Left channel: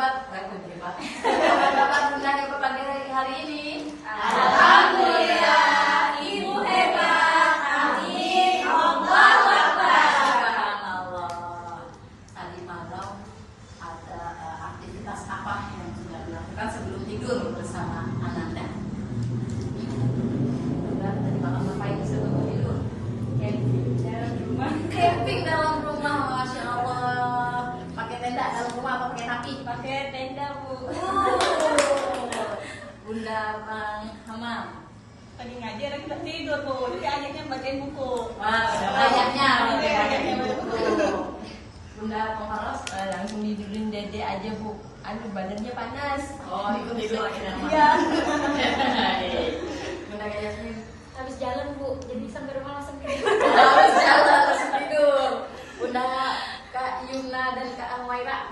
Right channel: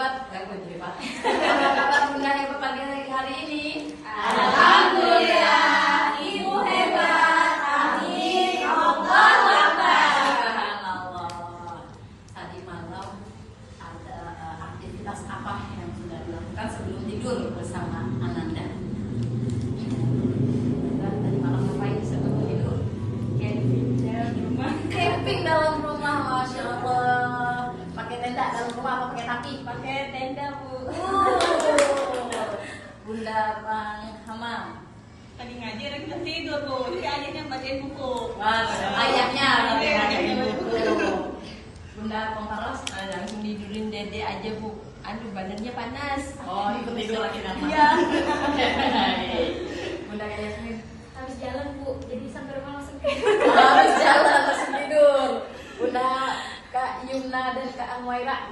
Kabar undang yang pagi hari ini. Alhamdulillah, Ibu hebat. Amin. Allahu Akbar. Allah. Tadi malam ada aktivitas apa yang sudah dilakukan sebelum tidur bersama Ananda? Tadi malam ngapain sebelum tidur? Camping dalam rumah, masya Allah. Pakai tenda dalam rumah apa pakai tapi? Pakai tenda, Bu. Bunda Bang Hamam. Tadi ngaji lagi udah tidur, Bu. Jadi ayahnya bacain buku. Wah, ayahnya bacain buku. Bunda Bang Faros Langsung tidurin Dede aja, Bu. Aduh, badannya panas. oh ikut tidur akhirnya. Iya. Bunda Yasmin Habis jalan, Bu, jadi sampai rumah langsung tidur. harus jalan langsung tidur. Bunda Kak Yumna dan Kak Amwaira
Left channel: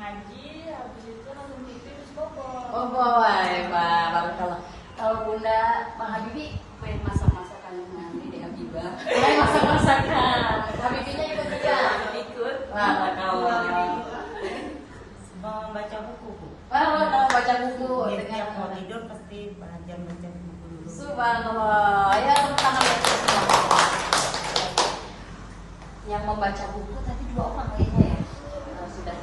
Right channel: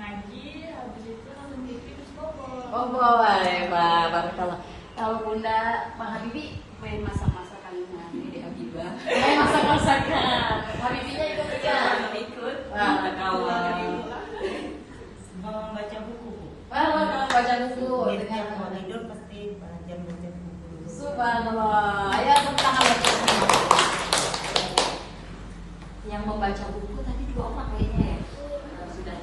Ngaji, habis itu langsung tidur, terus bobo. oh boleh, wah barakallah. Kalau Bunda Bang Habibi main masak-masakannya di Habibah. Main masak-masakan. Habibinya ikut juga. Ikut. Wah, barakallah. Mau baca buku, Bu. Wah, mau baca buku Biasanya dengan mau tidur pasti belajar baca buku dulu. Subhanallah. Ya, tangan yang membaca buku tadi dua orang kayaknya ya. Sudah.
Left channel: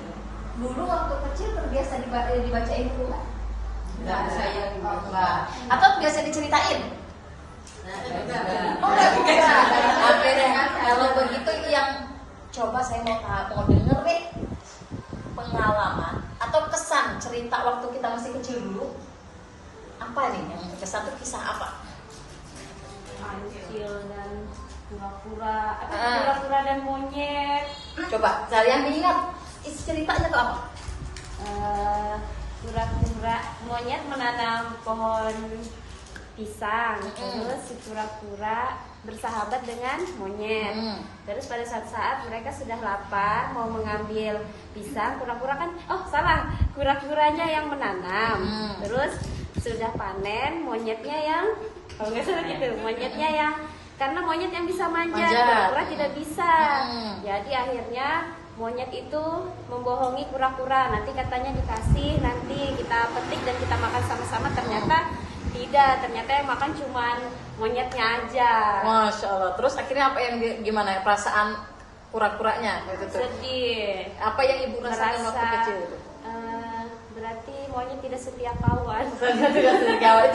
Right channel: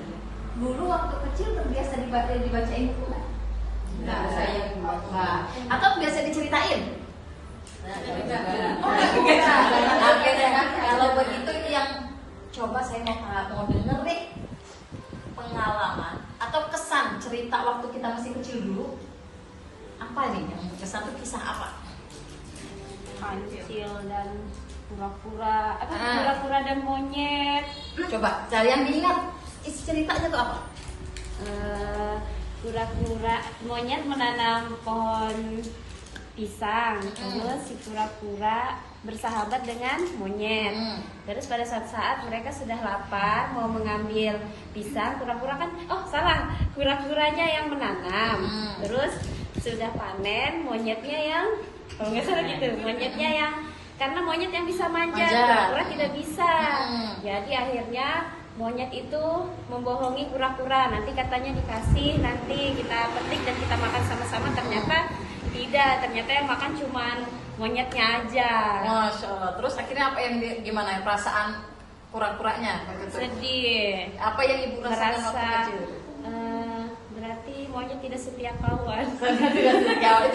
Dulu waktu kecil terbiasa dibacain buku. Enggak, saya enggak. Atau biasa diceritain? Oh, enggak. Kalau begitu yang coba saya mau denger nih pengalaman atau kesan cerita waktu kita masih kecil dulu. Apa nih yang kesan itu kisah apa? Kancil dan pura-pura, pura-pura dan monyet. Coba kalian ingat ceritanya tuh apa? Pura-pura monyet menanam pohon pisang, terus si pura-pura bersahabat dengan monyet. Terus pada saat mereka sudah lapar mau mengambil pisang, pura-pura kan, oh salah, pura-puranya yang menanam. Terus sudah panen, monyetnya yang, kalau nggak salah gitu, monyetnya yang, karena monyet yang bisa manjat, pura-pura tidak bisa. Jadi akhirnya monyet itu membohongi kura-kura, nanti katanya dikasih, nanti kita petik dan kita makan sama-sama. Ternyata tidak, ternyata yang makan cuman monyetnya aja. Masya Allah. Terus akhirnya apa yang gimana ya perasaan kura-kuranya? Sedih, Apa yang ibu rasain waktu merasa kecil? berarti monyet tidak setia kawan. Itu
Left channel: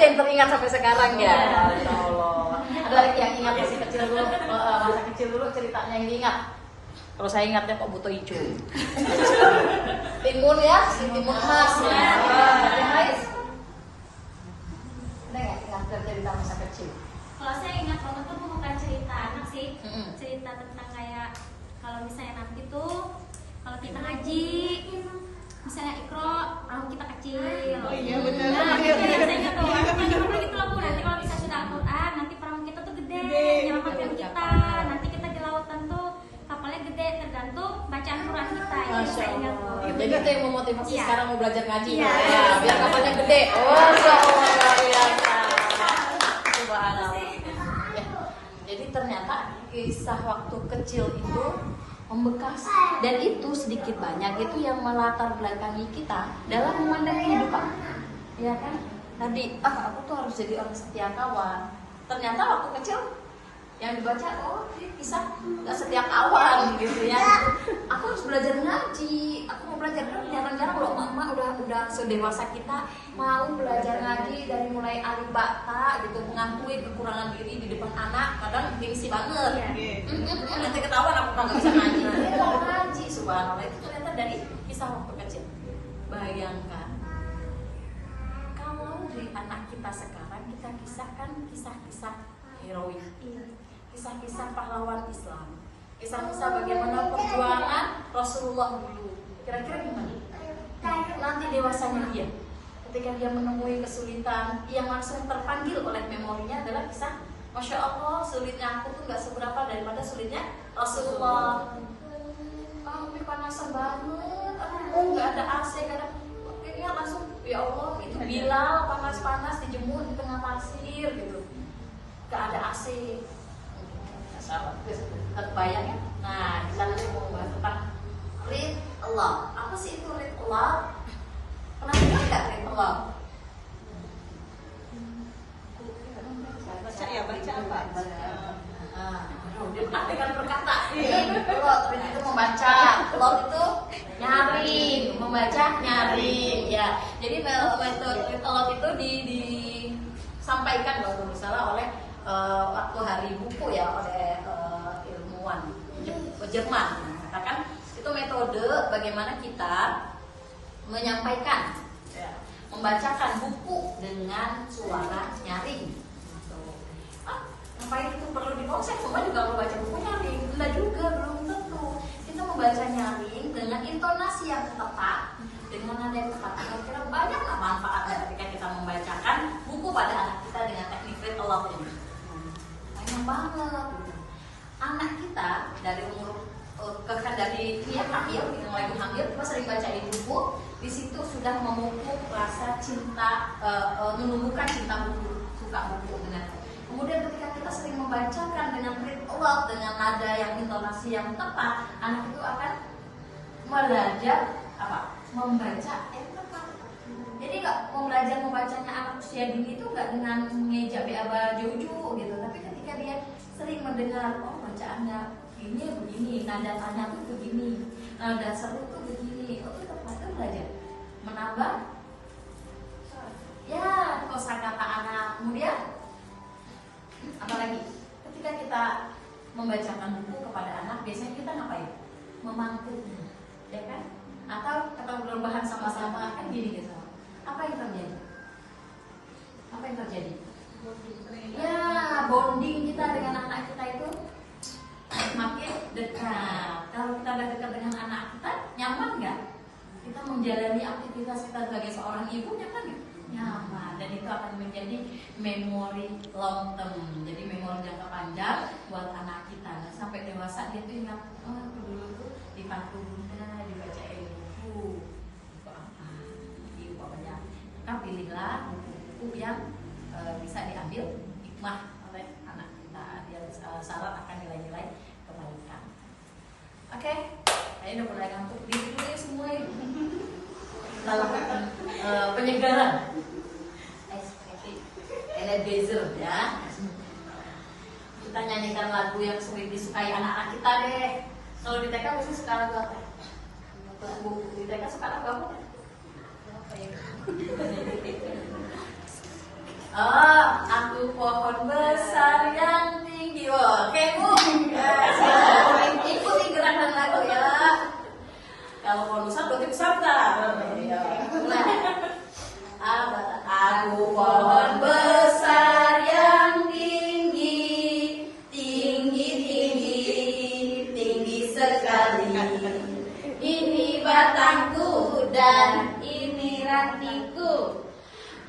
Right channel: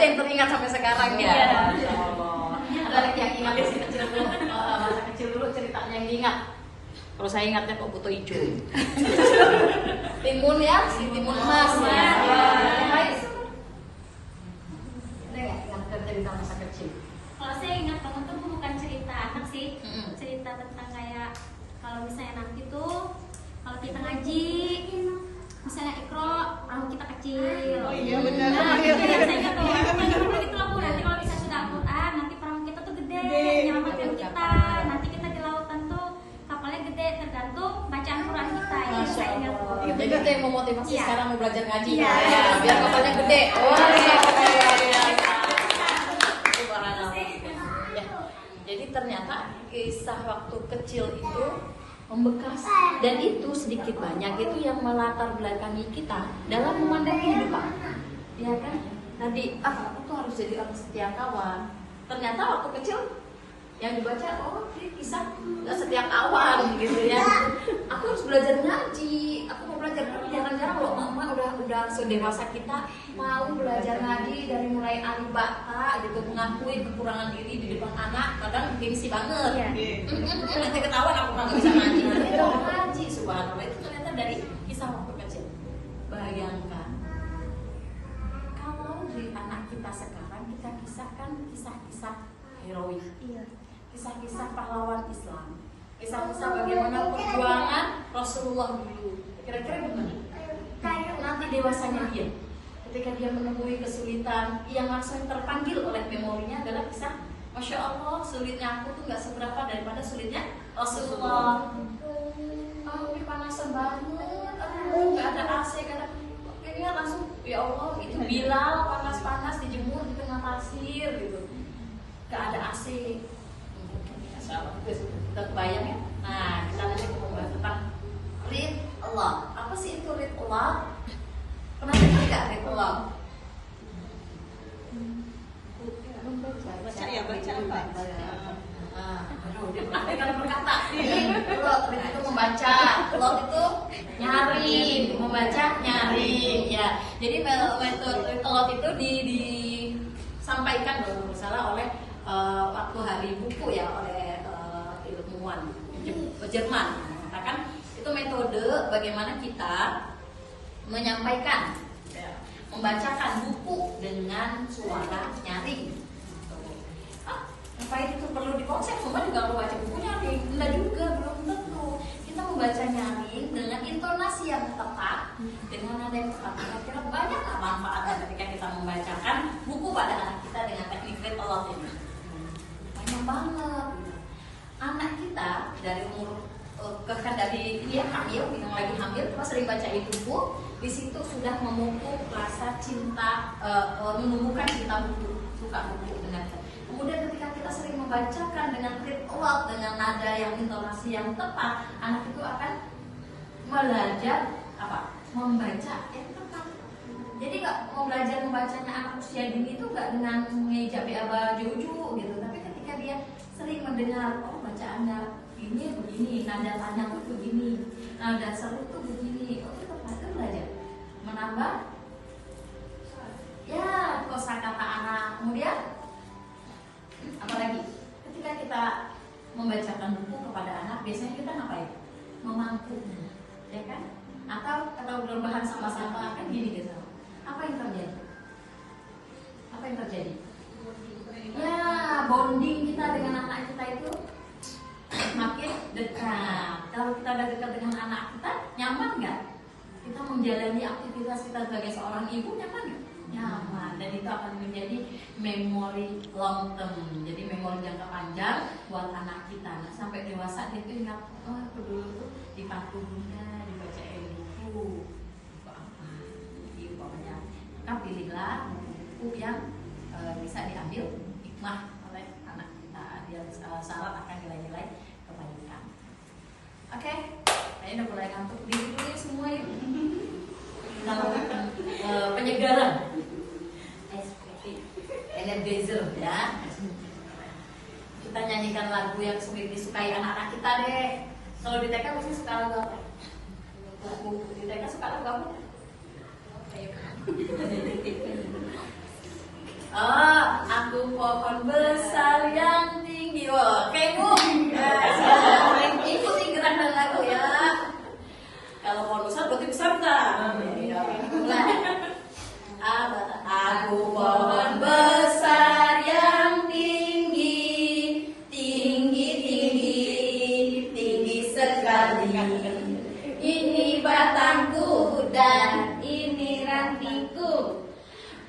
yang teringat sampai sekarang ya. Iya. Lagi yang ingat masih kecil dulu, masa kecil dulu ceritanya yang ingat. Kalau saya ingatnya kok butuh hijau. Timun ya, si timun emas. Ada nggak ingat cerita masa kecil? Kalau saya ingat banget tuh bukan cerita anak sih, cerita tentang kayak kalau misalnya nanti tuh kalau kita ngaji, misalnya ikro, perahu kita kecil. Oh iya, benar. Nah, itu yang saya ingat tuh. Itu lah Bu, nanti kalau misalnya sudah Al-Quran, nanti perahu kita tuh gede, nyelamatkan kita. Nanti kita di lautan tuh kapalnya gede, tergantung bacaan Quran kita. Itu saya ingat tuh. Jadi itu yang memotivasi Iya. sekarang mau belajar ngaji. Iya. Ya, biar kapalnya gede. Oh, iya. Jadi ternyata kisah waktu kecil itu membekas dan itu sedikit banyak itu yang melatar belakangi kita dalam memandang kehidupan. Ya kan? Tadi aku tuh harus jadi orang setia kawan. Ternyata waktu kecil yang dibaca kisah nggak setia kawan gitu ya. Aku harus belajar ngaji. Aku mau belajar kan jarang-jarang loh mama udah sedewasa kita mau belajar ngaji dari mulai alif bata gitu, mengakui kekurangan diri di depan anak, kadang gengsi banget. Nanti ketahuan aku nggak bisa ngaji. Nanti mau ngaji, subhanallah. Itu ternyata dari kisah waktu kecil. Bayangkan kalau di anak kita sekarang kita kisahkan kisah-kisah heroik, kisah-kisah pahlawan Islam, kisah-kisah bagaimana perjuangan Rasulullah dulu. Kira-kira gimana? Nanti dewasanya dia, ketika dia menemui kesulitan, yang langsung terpanggil oleh memorinya adalah kisah, Masya Allah, sulitnya aku tuh nggak seberapa daripada sulitnya Rasulullah. Ini panasan banget, nggak ada AC, akhirnya langsung, ya Allah, itu Bilal panas-panas dijemur di tengah pasir gitu, nggak ada AC. Terbayang ya? Nah, kita nanti mau bahas tentang rid Allah. Apa sih itu rid Allah? Allah. Baca ya, baca apa? Dia praktekkan berkata. Plot itu membaca, plot itu nyaring, membaca nyaring ya. Jadi metode plot itu disampaikan kalau nggak salah oleh waktu hari buku ya oleh ilmuwan Jerman mengatakan itu metode bagaimana kita menyampaikan ya, membacakan buku dengan suara nyaring. Apa itu perlu dikonsep? Cuma juga perlu baca buku nyaring? Enggak juga, belum tentu. Kita membaca nyaring dengan intonasi yang tepat, dengan nada yang tepat. Kira-kira banyaklah manfaatnya ketika kita membacakan buku pada anak kita dengan teknik read aloud ini. Banyak banget. Anak kita dari umur dari dia hamil, yang lagi hamil, kita sering bacain buku. Di situ sudah memupuk rasa cinta, menumbuhkan cinta buku, suka buku dengan. Kemudian ketika kita sering membacakan dengan read aloud, dengan nada yang intonasi yang tepat, anak itu akan belajar apa? Membaca yang tepat. Jadi nggak mau belajar membacanya anak usia dini itu nggak dengan mengeja aba juju gitu, tapi ketika dia sering mendengar oh bacaannya ini begini, nada panjang tuh begini, nada seru tuh begini, oh itu tepat itu belajar menambah ya kosakata anak. Kemudian apalagi ketika kita membacakan buku kepada anak, biasanya kita ngapain? Memangku, ya kan? Atau berbahan sama-sama kan gini gitu. Apa yang terjadi? Apa yang terjadi? Ya bonding kita dengan anak kita itu semakin dekat. Kalau kita udah dekat dengan anak kita, nyaman nggak? Kita menjalani aktivitas kita sebagai seorang ibu nyaman nggak? Nyaman, dan itu akan menjadi memori long term, jadi memori jangka panjang buat anak kita. Nah, sampai dewasa dia tuh ingat, oh dulu itu di pangku bunda dibacain buku apa, gitu pokoknya. Maka pilihlah buku yang bisa diambil hikmah oleh anak kita, dia syarat akan nilai-nilai kebaikan. Oke, kayaknya udah mulai ngantuk, diri semua yuk. Kita lakukan penyegaran. Energizer ya. Kita nyanyikan lagu yang sering disukai anak-anak kita deh. Kalau di TK biasanya suka lagu apa? Di TK suka lagu apa? Oh, aku pohon besar yang tinggi. Oh, kamu ikuti gerakan lagu ya. Kalau pohon besar berarti besar nggak? Aku pohon besar yang tinggi, tinggi, tinggi, tinggi sekali. Ini batangku dan ini rantingku.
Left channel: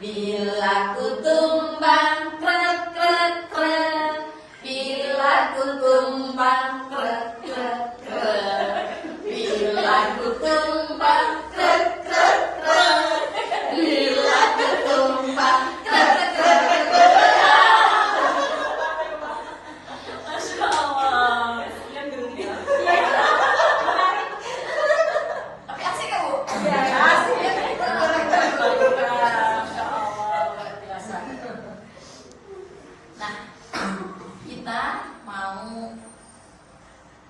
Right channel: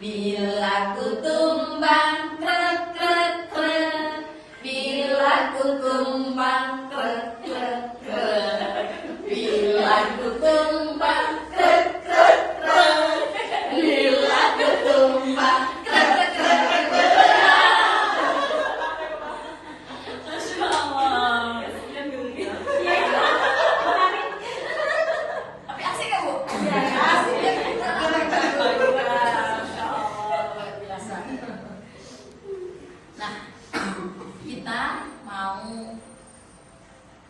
Bila ku tumbang krek krek krek, bila ku tumbang krek krek krek, bila ku tumbang krek krek krek, bila ku tumbang krek krek krek. Masya Allah. Yang geli. Tapi asik ya Bu? Iya asik ya. Nah, kita mau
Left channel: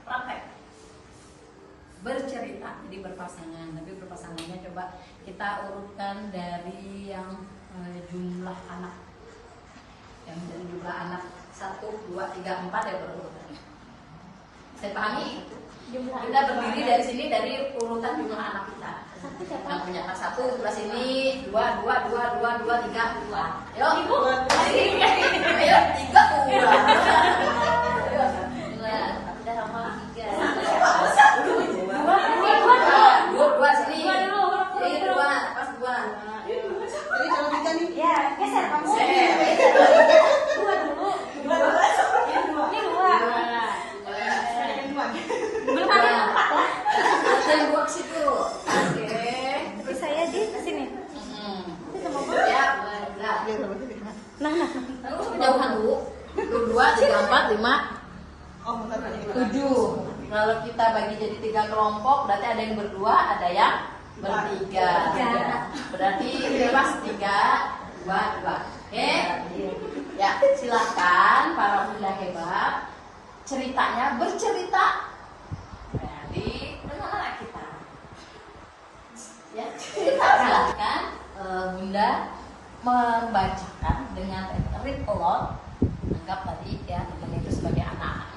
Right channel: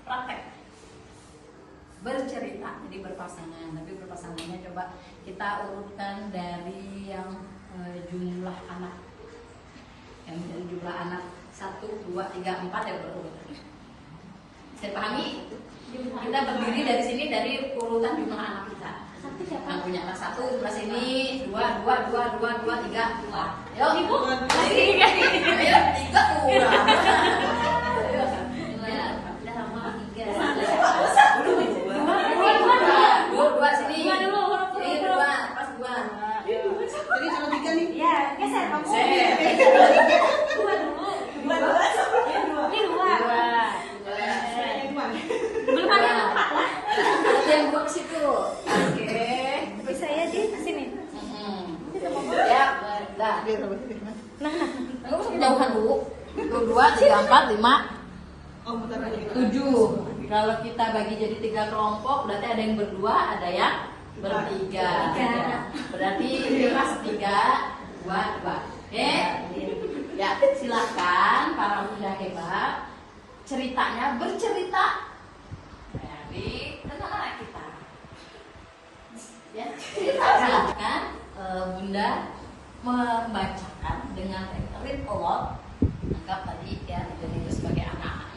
praktek bercerita, jadi berpasangan. Tapi berpasangannya coba kita urutkan dari yang jumlah anak, yang dari jumlah anak 1, 2, 3, 4 ya berurutan. Saya pahami? Kita berdiri dari sini dari urutan jumlah anak kita. Yang punya anak 1 sebelah sini, 2, 3, 4. Ayo, Ibu. Ayo, 3 kurang. Ayo. Udah lama 3. 2 sini. Sini 2, pas 2. Jadi kalau kita nih, Ya, geser kamu. Tembok situ. Oke. Terus saya di sini. Ya, udah. Jauhan dulu. 2, 3, 4, 5, 7. Kalau kita bagi jadi 3 kelompok, berarti ada yang berdua, ada yang Bertiga. Berarti kelas 3, 2. Oke? Ya, silakan para bunda hebat. Ceritanya bercerita. Jadi, benar kita. Ya, cerita silakan bunda membacakan dengan read a lot. Anggap tadi ya benar sebagai anak.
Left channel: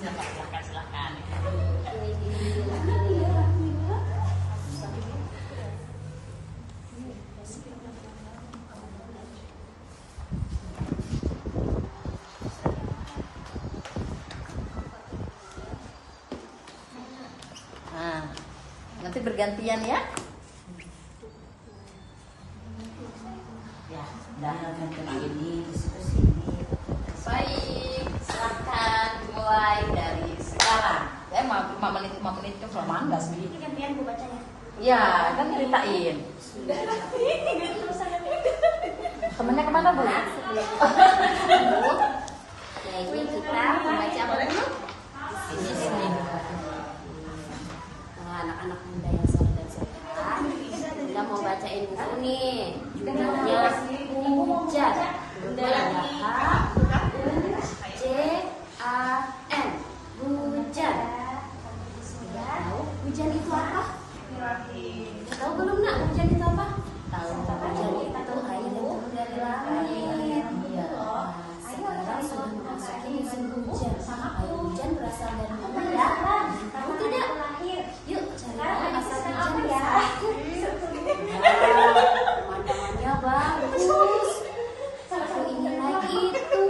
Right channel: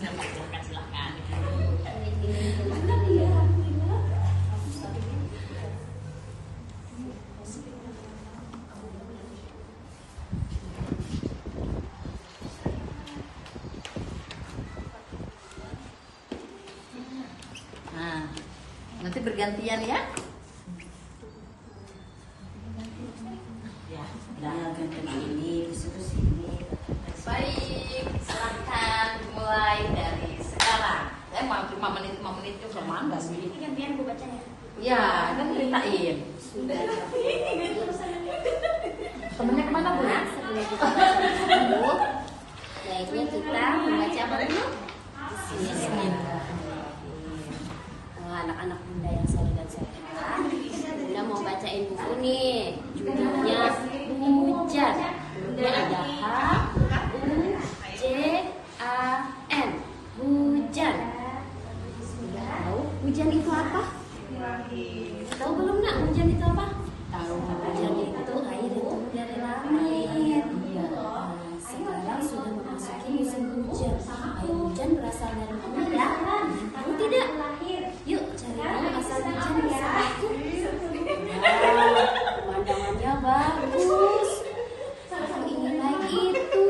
Silakan. Nah, nanti bergantian ya. Ya, Nah, ganti ini, disitu sini. baik. Silakan mulai dari sekarang. Saya mau 5 menit juga enggak sih? Gantian gue bacanya. Ya, kan ceritain. Temennya kemana bu? Sebelum kita lanjut, baiknya kita membaca apa dulu? Anak-anak bunda yang soleh dan soleha, bunda mau bacain buku nih, judulnya Hujan. Hurufnya ada H, U, J, A, N. Hujan. Sudah tahu hujan itu apa? Tahu belum nak hujan itu apa? Tahu. Hujan itu air yang turun dari langit. Nah, sekarang sudah memasuki musim hujan. Air hujan berasal dari mana ya? Tahu tidak? Yuk cari tahu asal hujan ya. Wow, pemandangannya bagus. Aku ingin naik itu.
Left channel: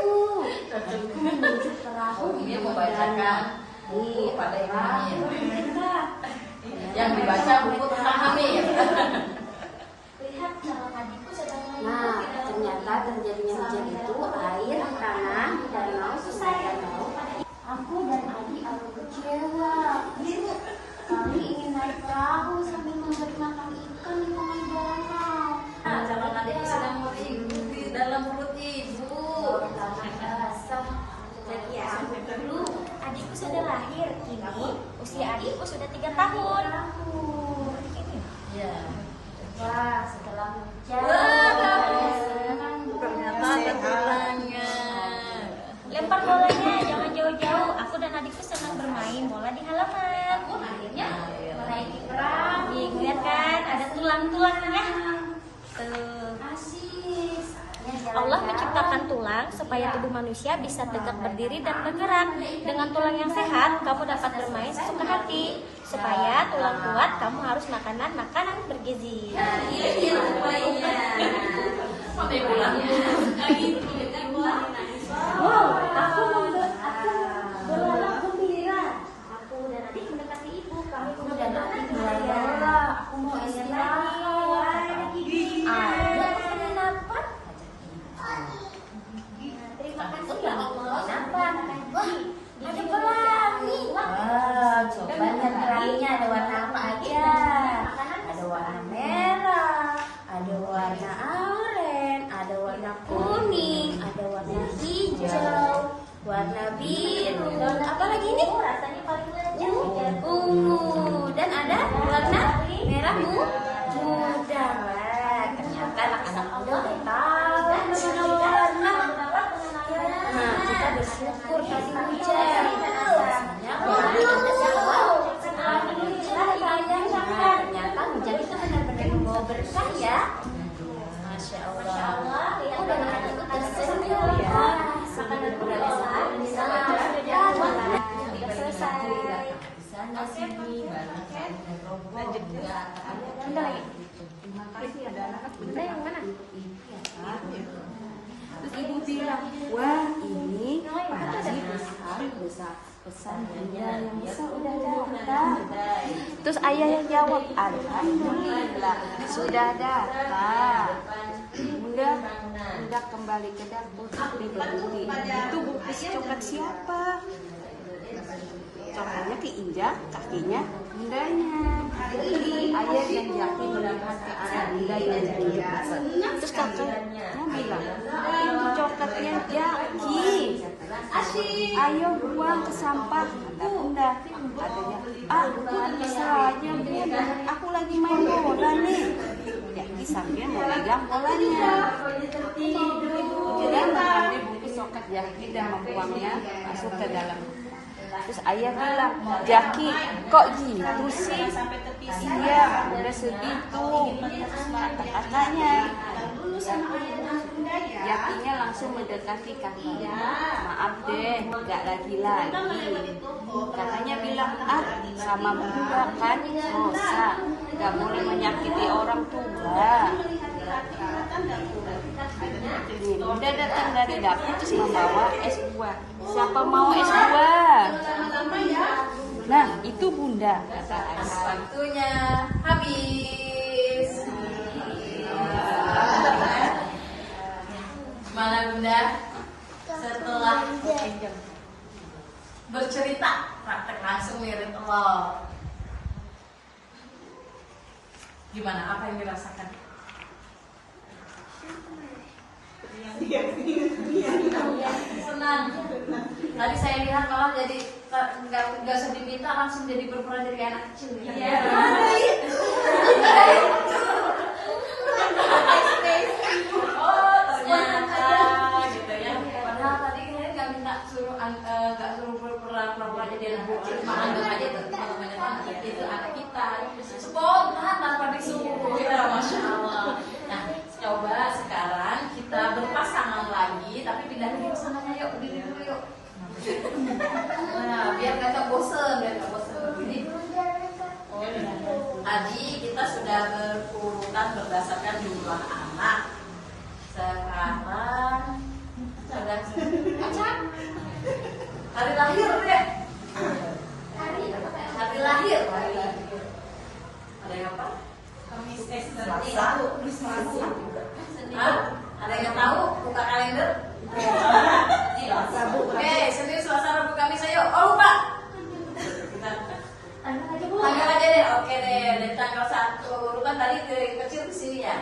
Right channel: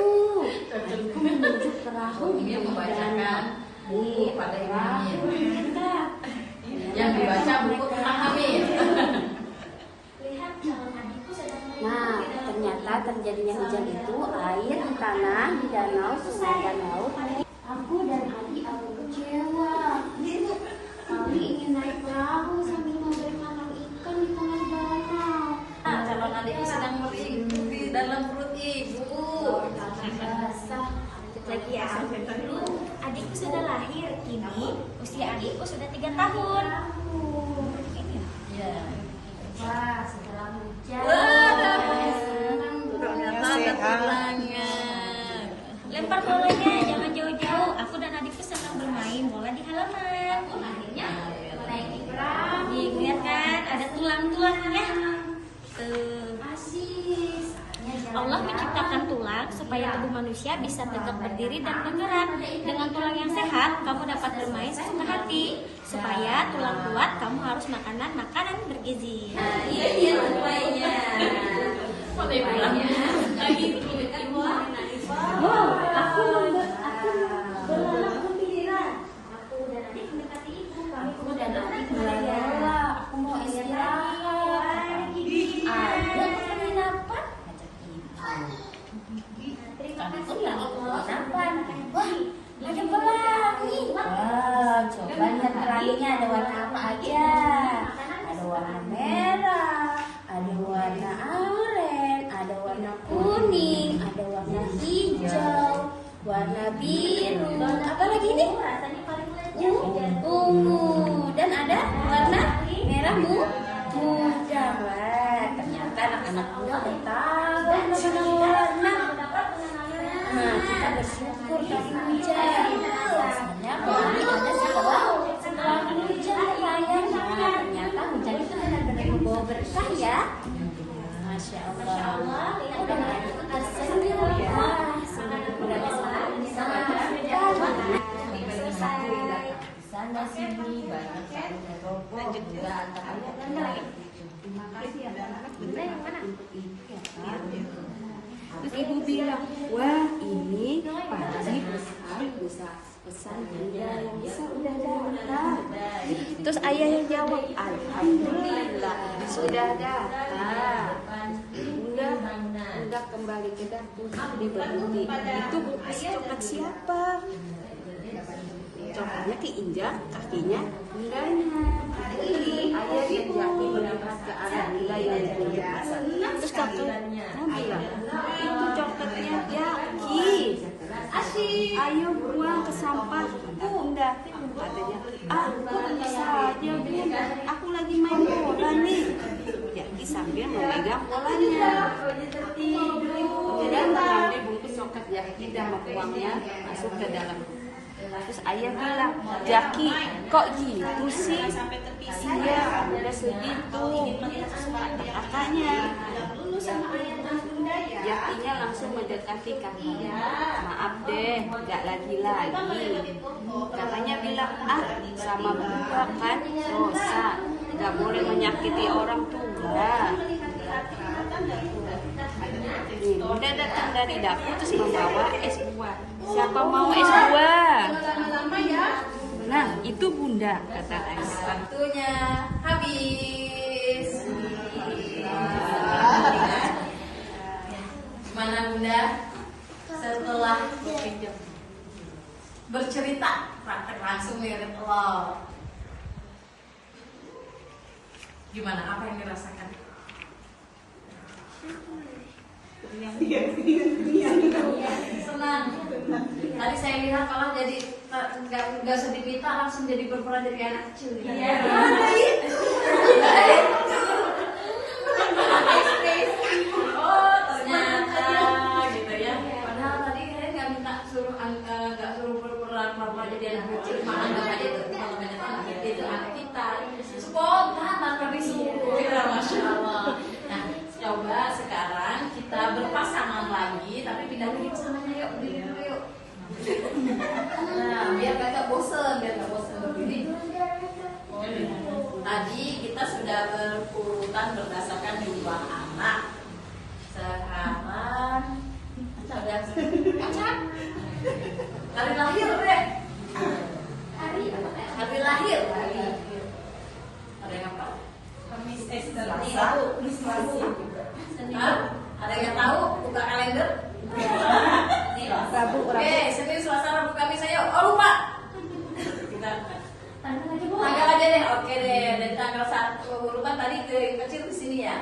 Adikku menunjuk perahu di danau. Nih, perahu kita. Yang dibaca buku tentang Hamid. Nah, ternyata terjadinya hujan itu air karena di danau selatan laut. Aku dan adik aku kecewa. Kami ingin naik perahu sambil memberi makan ikan di tengah danau. Calon adikku sedang menghidup di dalam perut ibu. Lagi ya. Adikku sudah lahir, kini usia adikku sudah 3 tahun. Ya. Wah, setelah hujan. Ternyata ada tulangnya. Lempar bolanya, jangan jauh-jauh. Aku dan adikku senang bermain bola di halaman. Akhirnya naik perahu. Nih, lihat kan, ada tulang-tulangnya. Tuh. Allah menciptakan tulang supaya tubuh manusia bisa tegak berdiri dan bergerak. Dengan tulang yang sehat, kamu dapat bermain sesuka hati. Supaya tulang kuat, kamu harus makanan bergizi. Wow, aku berlalu gembira. Aku dan adik mendekati ibu. Aku dan adik mulai lelah. Aku mau istirahat. Ada penginapan. Kami pun pergi ke penginapan. Wah, ada pelangi. Wah, coba lihat pelanginya ada warna apa aja. Ada warna merah, ada warna oranye, ada warna kuning, ada warna hijau, warna biru. Apa lagi nih? Ungu. Dan ada warna merah muda. Wah, ternyata anak-anak muda udah tahu mana warna. Nah, kita bersyukur tadi hujan. Biasanya pelangi ada setelah hujan katanya. Nah, ternyata hujan itu benar-benar membawa berkah ya. Masya Allah. Oh, dan adikku tersenyum. Wah, sungguh berasa. Sana sini banyak kan lanjut juga Terima kasih ya anak bunda yang kan untuk ini ya Kak. Terus ibu bilang, wah ini pasti pesan bunda yang bisa udah datang. Terus ayah yang jawab, alhamdulillah sudah dapat. Udah kembali ke dapur. Itu bungkus coklat siapa? Coklatnya keinjak, kakinya bundanya. Terus kakaknya bilang, itu coklatnya Jaki. Ayo buang ke sampah. bunda katanya, kok bisa aja bunda, aku lagi main bola nih. Jadi sambil memegang bolanya. Jadi nanti bungkus soket Jaki yang membuangnya masuk ke dalam. Terus ayah bilang, Jaki kok gitu sih? Iya, udah segitu. Katanya, dulu sama Jakinya langsung mendekati kakinya. Maaf deh, nggak lagi-lagi. Katanya bilang, sama bunda kan dosa, nggak boleh menyakiti orang tua. Bunda datang dari dapur terus membawa es buah. Siapa mau es buah? Nah, itu bunda, kata Ais. Waktunya habis. Mana bunda? Setelah bercerita, praktek langsung mirip Allah. Gimana? Apa yang dirasakan? Senang. Tadi saya lihat malah jadi nggak usah dipita, langsung jadi berperan jadi anak kecil. Oh ternyata gitu ya. Padahal tadi saya nggak minta nggak suruh berperan jadi anak kecil, malah nggak aja itu anak kita. Spontan tanpa disuruh, ya masya Allah. Nah, coba sekarang kita berpasangan lagi, tapi pindah lagi pasangannya yuk, berdiri dulu yuk. Nah, biar nggak bosen, Tadi kita sudah berurutan berdasarkan jumlah anak. Sekarang ada acak. Hari lahir deh. Hari lahir. Ada yang apa? Ada yang tahu? Buka kalender. Oke, serius suasana buka Kamis ayo. Oh lupa. Tanggal aja deh. Oke deh. Dan tanggal 1 urutan tadi dari kecil ke sini ya.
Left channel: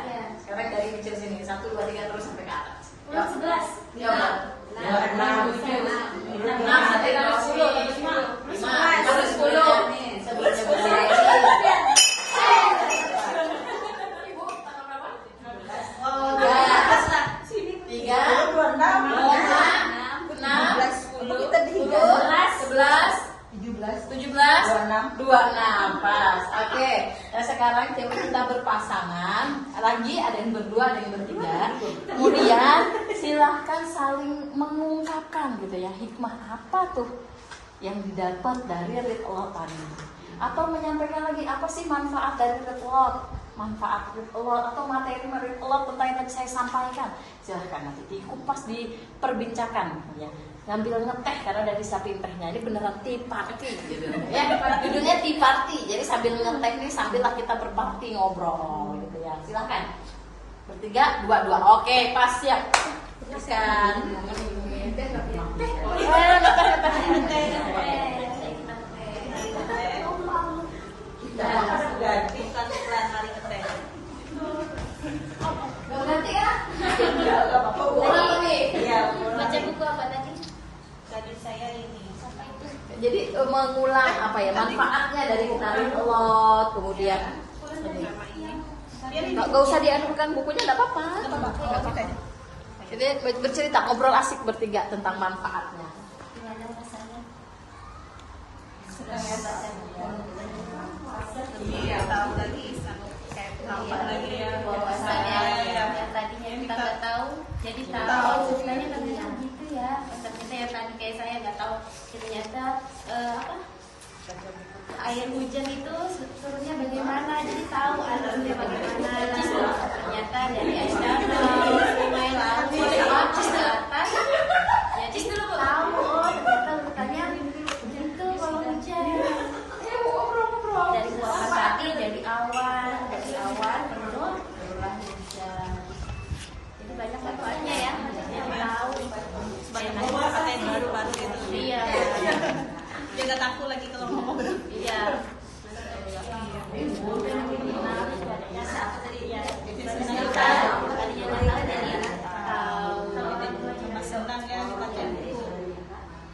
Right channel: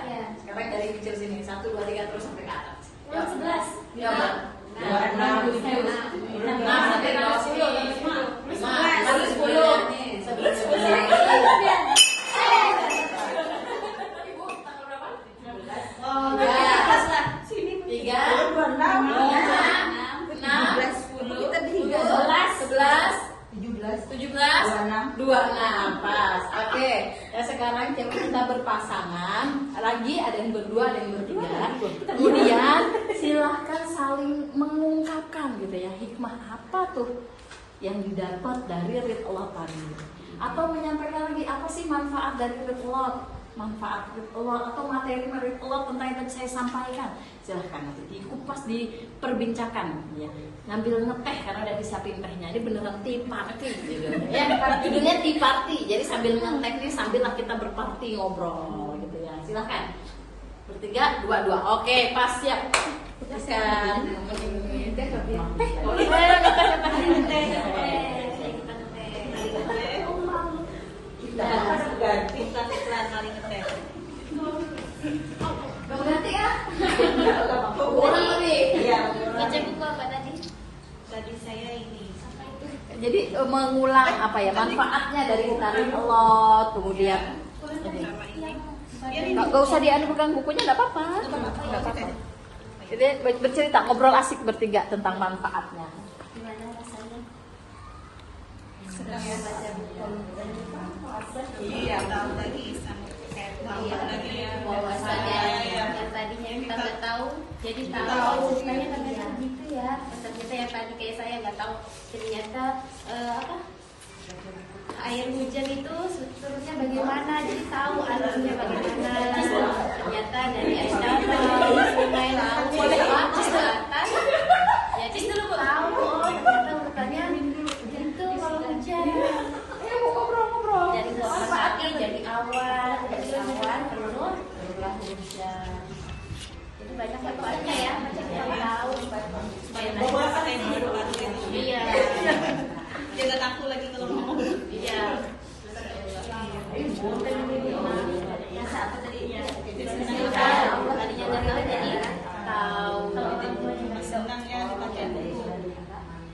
Sekarang dari kecil sini 1, 2, 3 terus sampai ke atas. 11. Ya udah. 6 sampai ke sini. 5 baru 10 nih. 11. Pas. Oke. Nah sekarang kita berpasangan. Lagi ada yang berdua, ada yang bertiga. Kemudian silahkan saling mengungkapkan gitu ya, hikmah apa tuh yang didapat dari rid Allah tadi. Atau menyampaikan lagi apa sih manfaat dari rid Allah, manfaat rid Allah atau materi rid Allah tentang yang tadi saya sampaikan. Silahkan nanti dikupas, diperbincangkan ya. Ngambil ngeteh karena udah disiapin tehnya. Ini beneran tea party gitu ya. Judulnya tea party. Jadi sambil ngeteh nih sambil kita berparty ngobrol gitu ya. Silakan. Bertiga, dua. Oke, pas ya. Teruskan. Berarti ya? Bola nih. Iya. Baca buku apa tadi? Tadi saya ini. Jadi mengulang apa ya manfaatnya dari tarik telot kemudian. Nggak usah dianukan bukunya, nggak apa-apa. Jadi bercerita, ngobrol asik bertiga tentang manfaatnya. Gimana rasanya? Senang ya baca buku. Iya, tahu lagi sama kayak tampak lagi ya. Bahwasanya yang tadinya kita nggak tahu, jadi tahu. Sebenarnya ternyata gitu ya. Ternyata yang tadi kayak saya nggak tahu, ternyata air hujan itu turunnya bagaimana, jadi tahu alurnya bagaimana. Ternyata dari air danau, sungai, laut, bawah ke atas, jadi tahu ternyata urutannya begitu kalau hujan. Dari buatan tadi jadi awan barulah hujan. Jadi banyak manfaatnya ya, jadi tahu Banyak buku pakai baru-baru gitu. iya. Dia nggak takut lagi kalau ngomong. Iya. Tadinya dari tadi tahu, Cuma senang ya dibaca buku.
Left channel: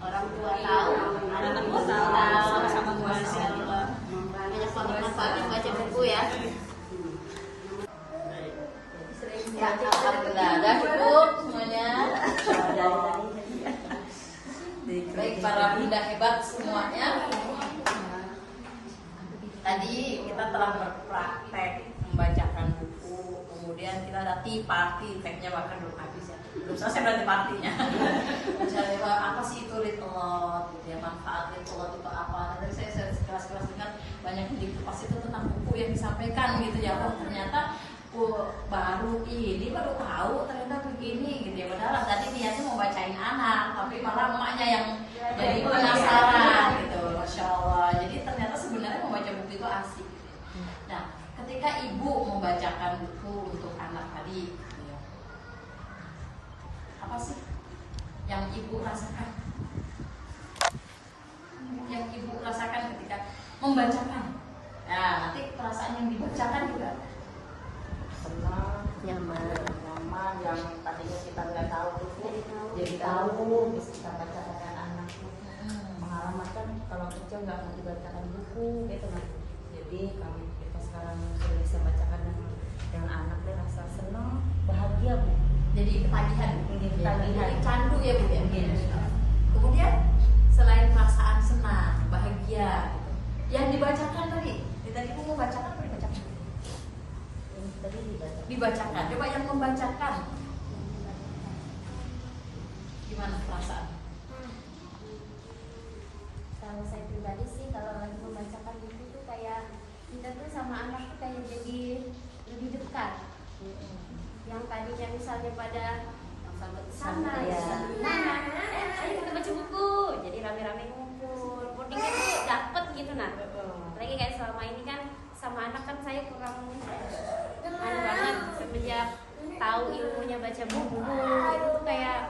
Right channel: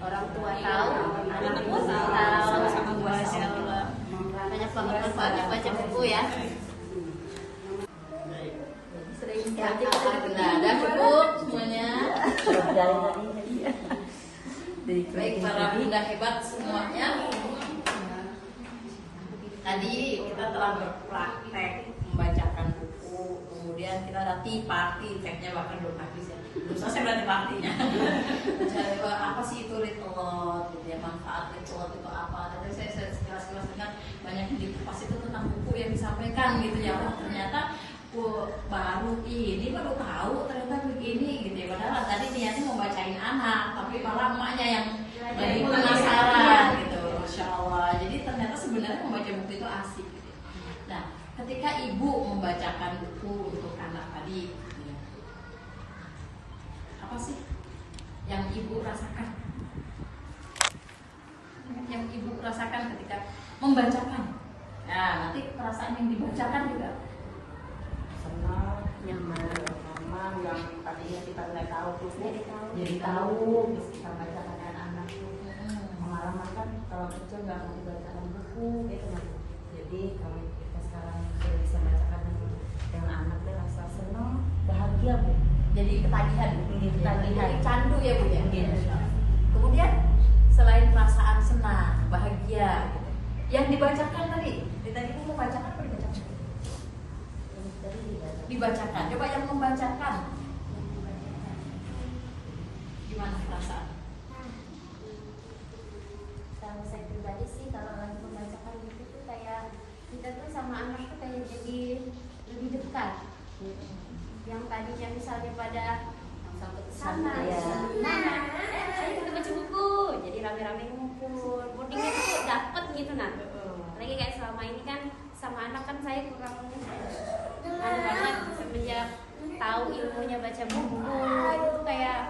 orang tua tahu, Anak-anak tahu. Ya, alhamdulillah. Udah cukup semuanya. Baik, para bunda hebat semuanya. Tadi kita telah berpraktek membacakan buku, kemudian kita ada tea party, tagnya bahkan belum habis ya. Belum selesai berarti partinya. Jadi apa sih itu ritual gitu ya, manfaat ritual itu apa? Dan saya sekilas-kilas dengar banyak di pas itu tentang buku yang disampaikan gitu ya. Oh ternyata baru tahu ternyata begini gitu ya. Padahal tadi niatnya mau bacain anak, tapi malah emaknya yang jadi penasaran gitu. Masya Allah. Jadi ternyata sebenarnya membaca buku itu asik. Nah, ketika ibu membacakan buku untuk anak tadi, apa sih yang ibu rasakan? Yang ibu rasakan ketika membacakan? Nah, nanti perasaan yang dibacakan juga Senang, yang pertama yang tadinya kita nggak tahu terus jadi tahu, terus kita bacakan anak tuh pengalaman kan kalau kecil nggak mau dibacakan buku gitu kan. Jadi kalau kita sekarang sudah bisa bacakan dengan anak dia rasa senang, bahagia Bu. jadi ketagihan, Ketagihan. jadi candu ya Bu ya. Iya. Kemudian selain perasaan senang, bahagia, gitu. Yang dibacakan tadi kita mau bacakan apa dibacakan? Tadi Dibacakan. Coba yang membacakan, gimana perasaan? Kalau saya pribadi sih kalau lagi membacakan buku tuh kayak kita tuh sama anak tuh kayak jadi lebih dekat. Yang tadinya misalnya pada sampai sana, ayo kita baca buku, jadi rame-rame ngumpul, bondingnya tuh dapet gitu nah. Lagi kayak selama ini kan sama anak kan saya kurang banget semenjak tahu ilmunya baca buku itu tuh kayak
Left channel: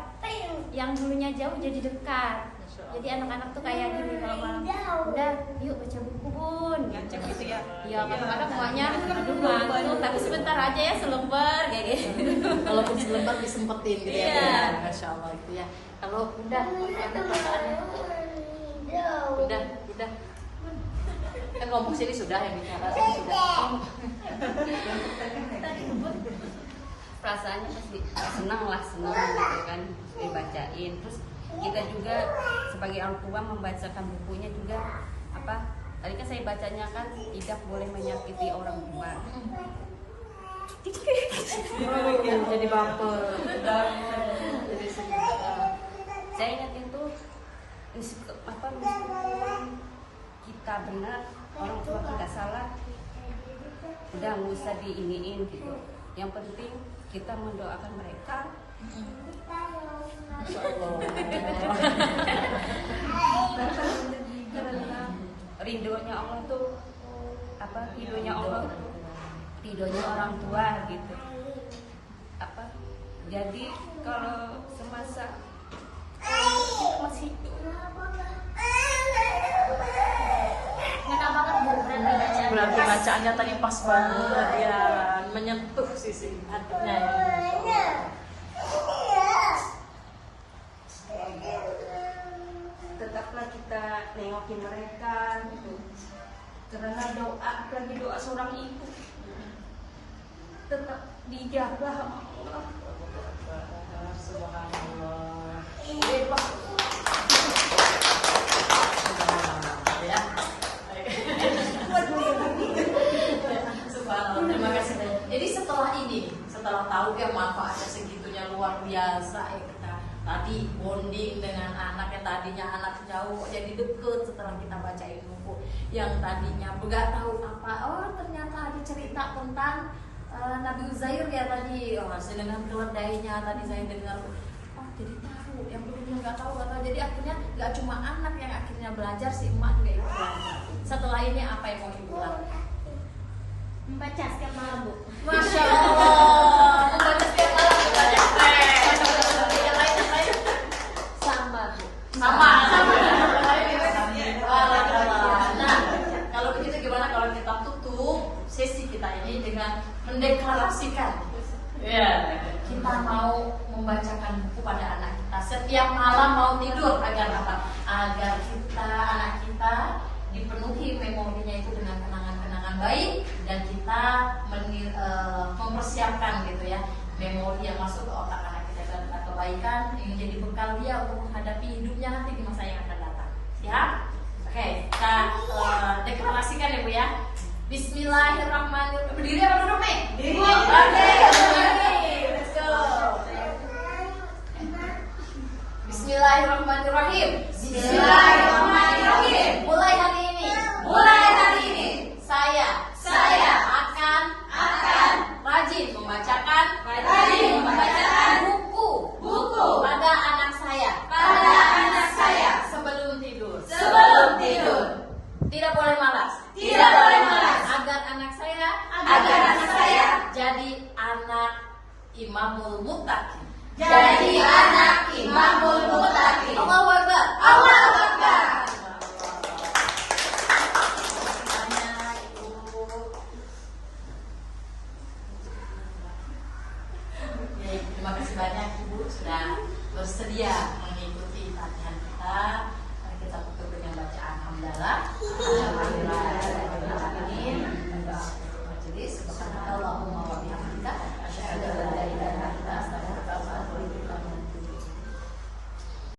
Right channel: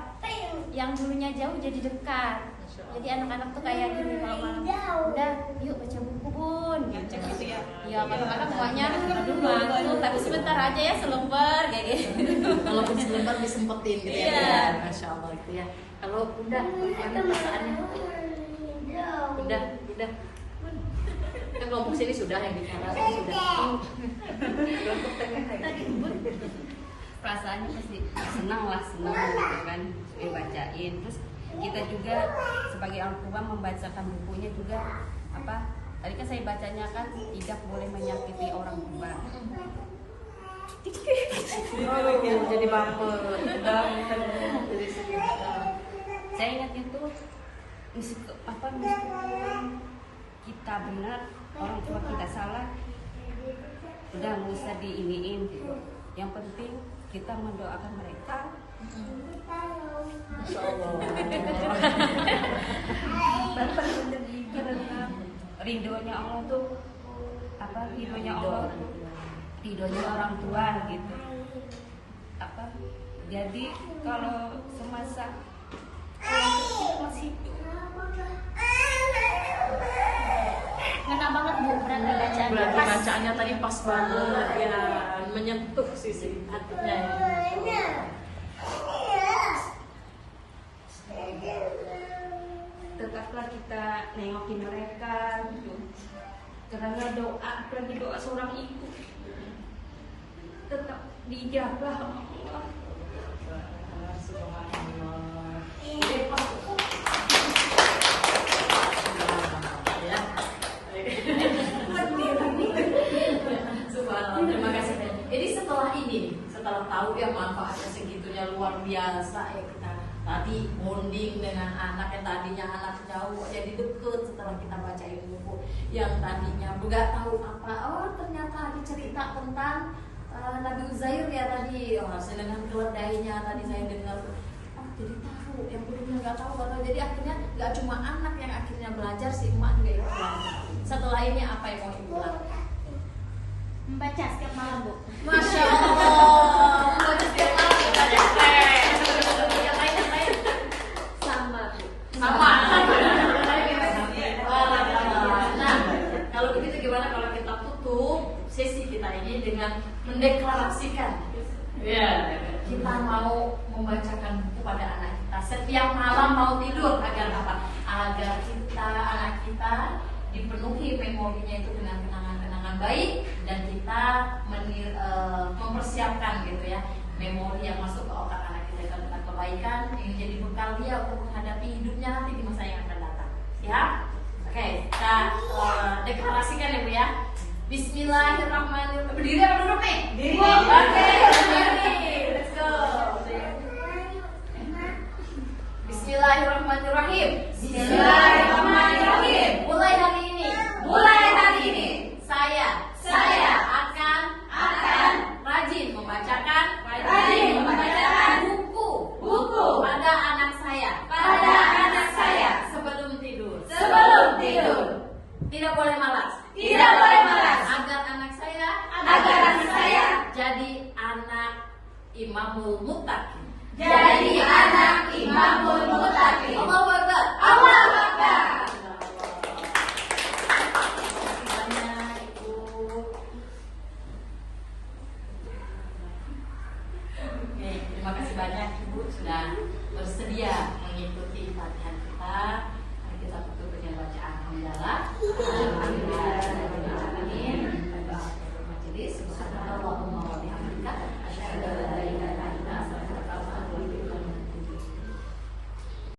yang dulunya jauh jadi dekat. Jadi anak-anak tuh kayak gini kalau malam, udah yuk baca buku Bun. Ngajak gitu ya. Ya kadang-kadang emaknya aduh ngantuk tapi sebentar aja ya selembar kayak gitu. Walaupun sebentar disempetin gitu Iya. ya. Masya Allah gitu ya. Kalau udah perasaannya udah. Kan ngomong sini sudah yang bicara sudah. perasaannya pasti senang gitu kan dibacain. Terus kita juga sebagai orang tua membacakan bukunya juga apa tadi kan saya bacanya kan tidak boleh menyakiti orang tua. Jadi baper. Saya ingat itu meskipun kita benar orang tua kita salah udah nggak usah diiniin gitu. Yang penting kita mendoakan mereka. Karena ridhonya Allah tuh ridhonya Allah, ridhonya orang tua gitu. Jadi kalau semasa masih Ngena banget Bu, berarti bacaannya Nah, pas. bacaannya tadi pas banget ya, menyentuh sisi hatinya. tetaplah kita nengokin mereka gitu. Karena doa apalagi doa seorang ibu tetap dijaga sama Allah. Ya. Subhanallah, terima kasih. Jadi setelah tahu ya manfaatnya segitunya luar biasa ya kita tadi bonding dengan anak yang tadinya anak jauh jadi deket setelah kita bacain buku yang tadinya nggak tahu apa, oh ternyata ada cerita tentang Nabi Uzair ya tadi, dengan keledainya tadi saya dengar, oh jadi tahu yang dulunya nggak tahu, jadi akhirnya nggak cuma anak yang akhirnya belajar, si emak juga ikut belajar. Setelah ini apa yang mau ibu lakukan? Membaca setiap malam Bu. Masya Allah, membaca setiap malam kepada stres. Yang lain Sama Bu. sama. Nah, kalau begitu gimana kalau kita tutup sesi kita ini dengan mendeklarasikan, ya kita mau membacakan buku pada anak kita setiap malam mau tidur agar apa? Agar kita anak kita dipenuhi memorinya itu dengan kenangan-kenangan baik dan kita mempersiapkan gitu ya memori yang masuk ke otak anak kita dan kebaikan yang menjadi bekal dia untuk menghadapi hidupnya nanti di masa yang akan datang. Siap? Oke, kita deklarasikan ya Bu ya. Bismillahirrahmanirrahim. Berdiri apa duduk nih? Berdiri. Oke, let's go. Bismillahirrahmanirrahim. Bismillahirrahmanirrahim. Mulai hari ini. Saya akan rajin membacakan buku pada anak saya sebelum tidur. Tidak boleh malas. Agar anak saya jadi anak imamul muttaqin. Allahu Akbar. Terima kasih banyak Ibu sudah bersedia mengikuti latihan kita.